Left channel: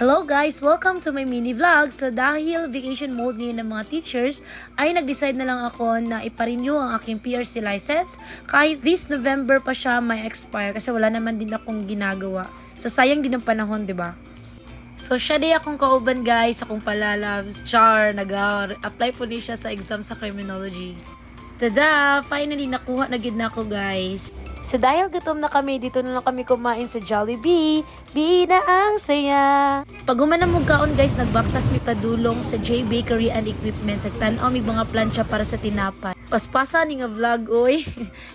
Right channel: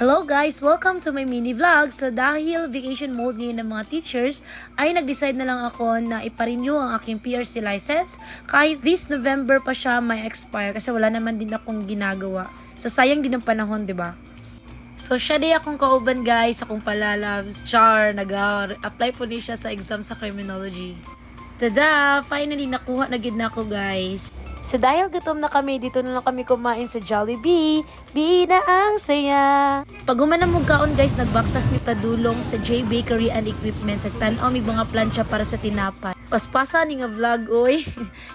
Hello guys! Welcome to my mini vlog. So dahil vacation mode ngayon ng mga teachers, ay nag-decide na lang ako na ipa-renew ang aking PRC license. Kahit this November pa siya may expire kasi wala naman din akong ginagawa. So sayang din ang panahon, 'di ba? So siya di akong kauban guys, akong palalabs, char, nag-apply po niya siya sa exam sa criminology. Tada! Finally nakuha na gid na ako guys. So dahil gutom na kami, dito na lang kami kumain sa Jollibee. Bina ang saya. Pag humanam mong kaon guys, nagbaktas mi padulong sa J Bakery and Equipment. Sagtan-aw mi mga plancha para sa tinapay. Paspasa ni nga vlog, oy.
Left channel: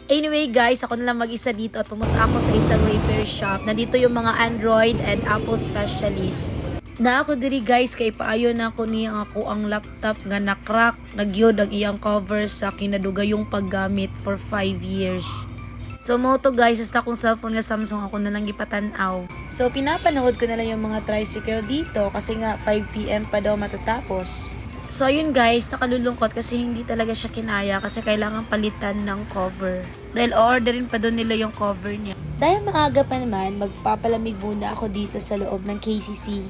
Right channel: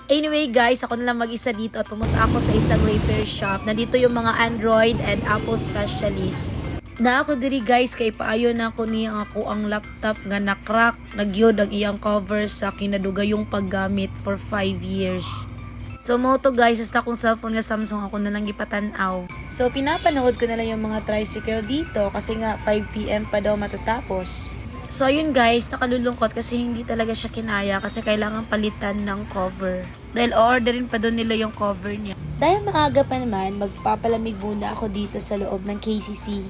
Anyway guys, ako na lang mag-isa dito at pumunta ako sa isang repair shop. Nandito yung mga Android and Apple specialist. Na ako diri guys, kay paayo na ako niya ako ang laptop nga na-crack. Nagyod ang iyang cover sa kinadugayong paggamit for 5 years. So mo to guys, hasta kong cellphone nga Samsung ako na lang gipatanaw. So pinapanood ko na lang yung mga tricycle dito kasi nga 5 PM pa daw matatapos. So ayun guys, nakalulungkot kasi hindi talaga siya kinaya kasi kailangan palitan ng cover. Dahil orderin pa doon nila yung cover niya. Dahil maaga pa naman, magpapalamig muna ako dito sa loob ng KCC.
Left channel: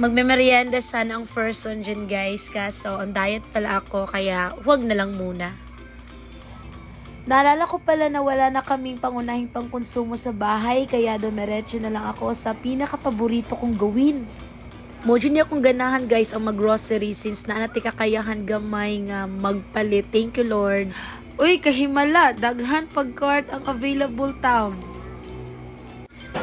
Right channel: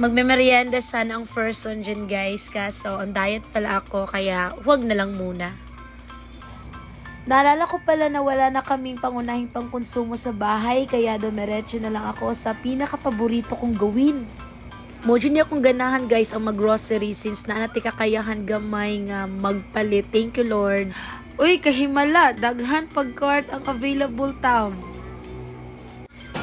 Magme-merienda sana ang first one dyan guys, kaso on diet pala ako kaya huwag na lang muna. Naalala ko pala na wala na kaming pangunahing pangkonsumo sa bahay kaya dumiretso na lang ako sa pinakapaborito kong gawin. Mojo niya akong ganahan guys ang mag-grocery since naanati kakayahan gamay nga magpalit. Thank you Lord. Uy, kahimala, daghan pag-cart ang available town.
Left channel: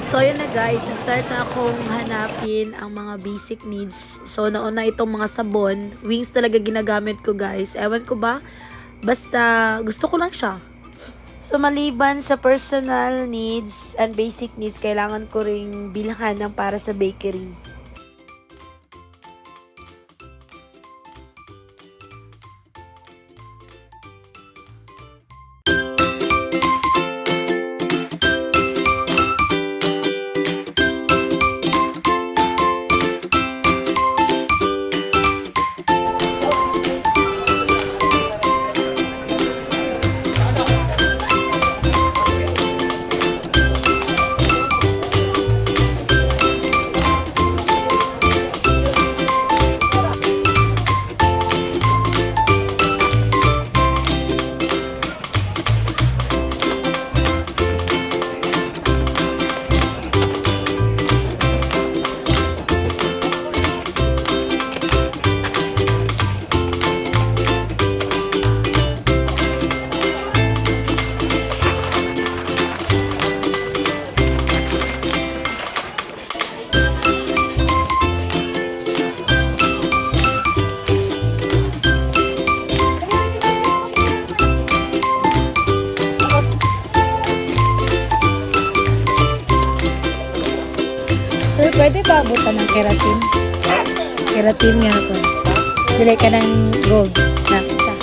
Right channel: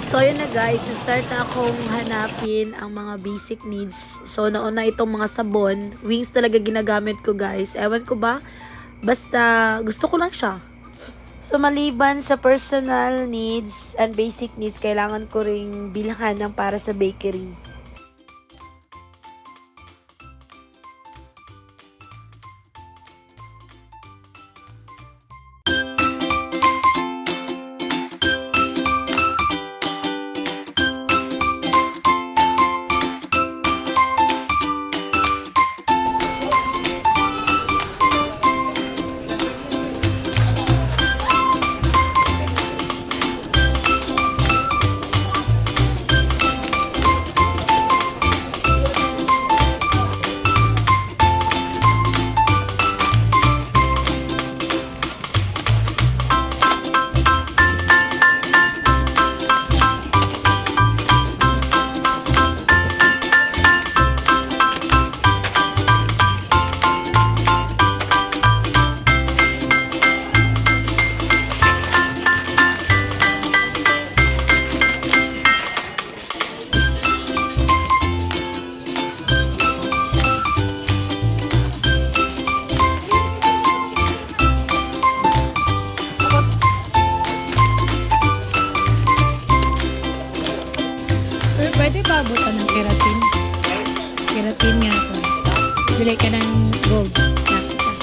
So yun na guys, nag-start na akong hanapin ang mga basic needs. So nauna itong mga sabon, wings talaga ginagamit ko guys. Ewan ko ba? Basta gusto ko lang siya. So maliban sa personal needs and basic needs, kailangan ko ring bilhan ng para sa bakery. Sir, pwede ba abutan ng keratin? Keratin nga ito. Bili ka ng gold na isa.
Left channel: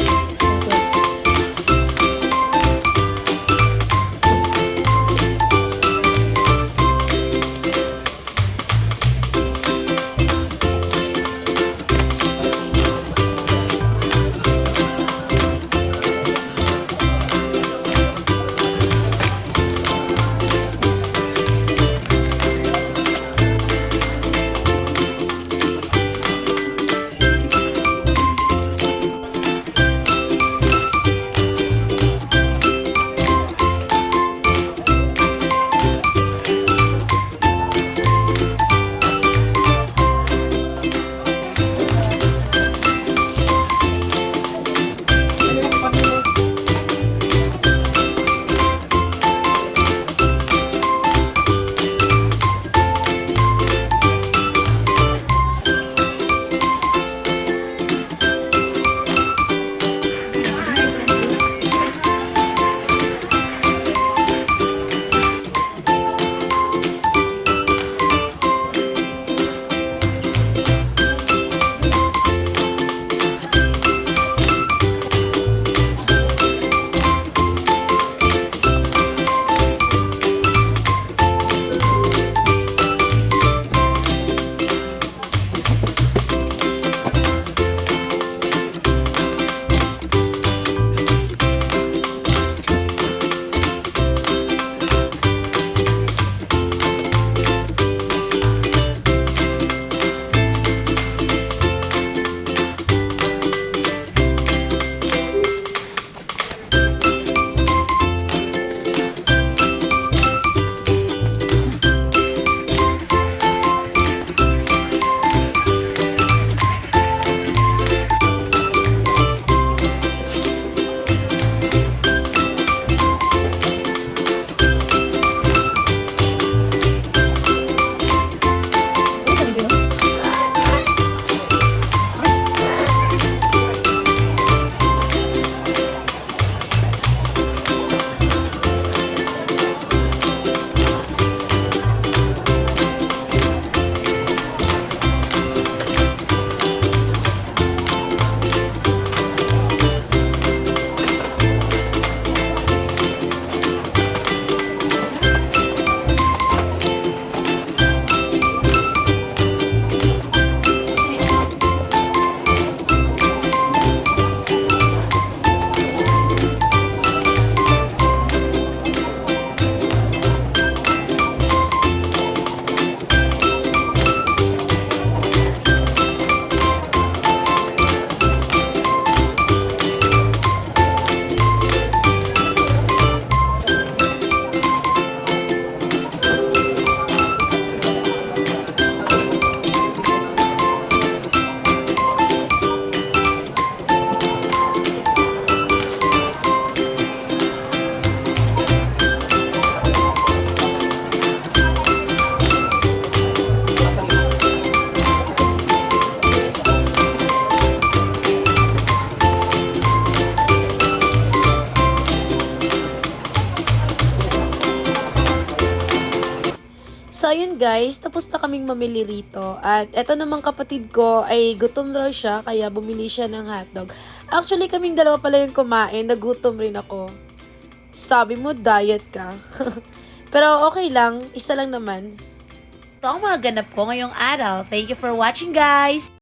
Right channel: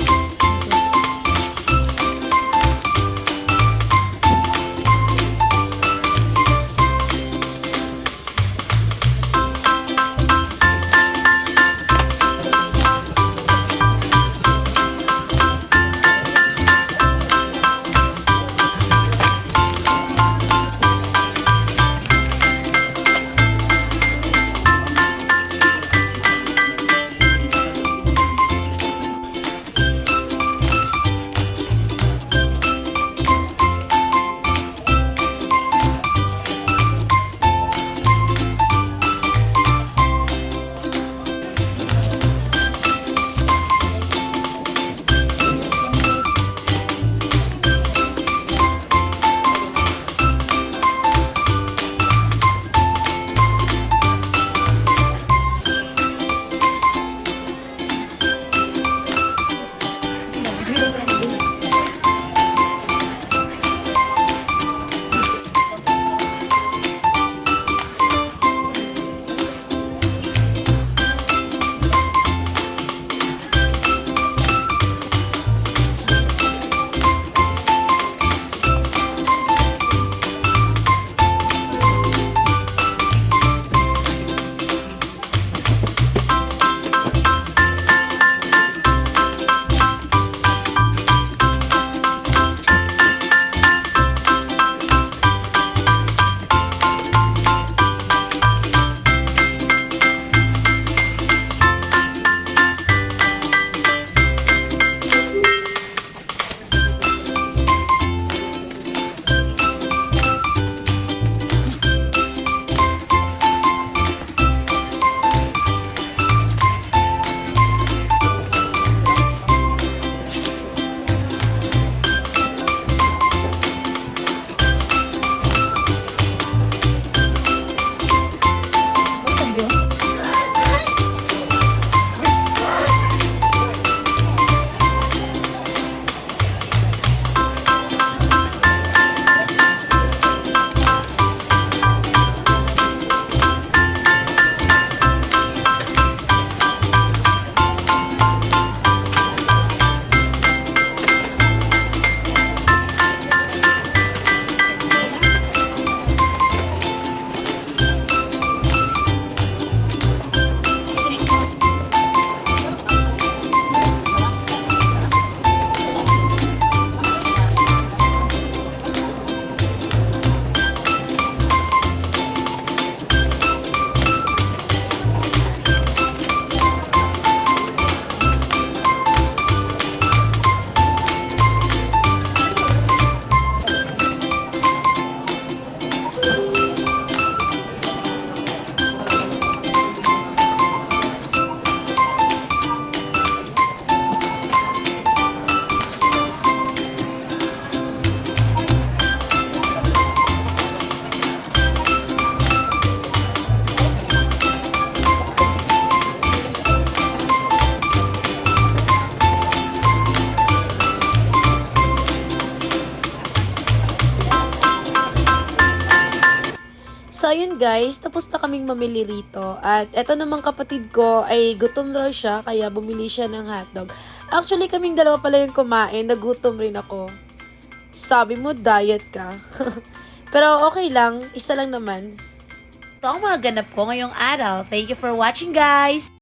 guys, tapos na kaming mamili rito. At eto namang kapatid ko ay gutom raw siya, kaya bumili siya ng hotdog. Actually, kaming dalawa pala yung kumain, nagutom rin ako. Sabi mo, diet ka. Pero okay lang, isa lang naman. Ito ang mga ganap ko ngayong araw. Thank you for watching, guys!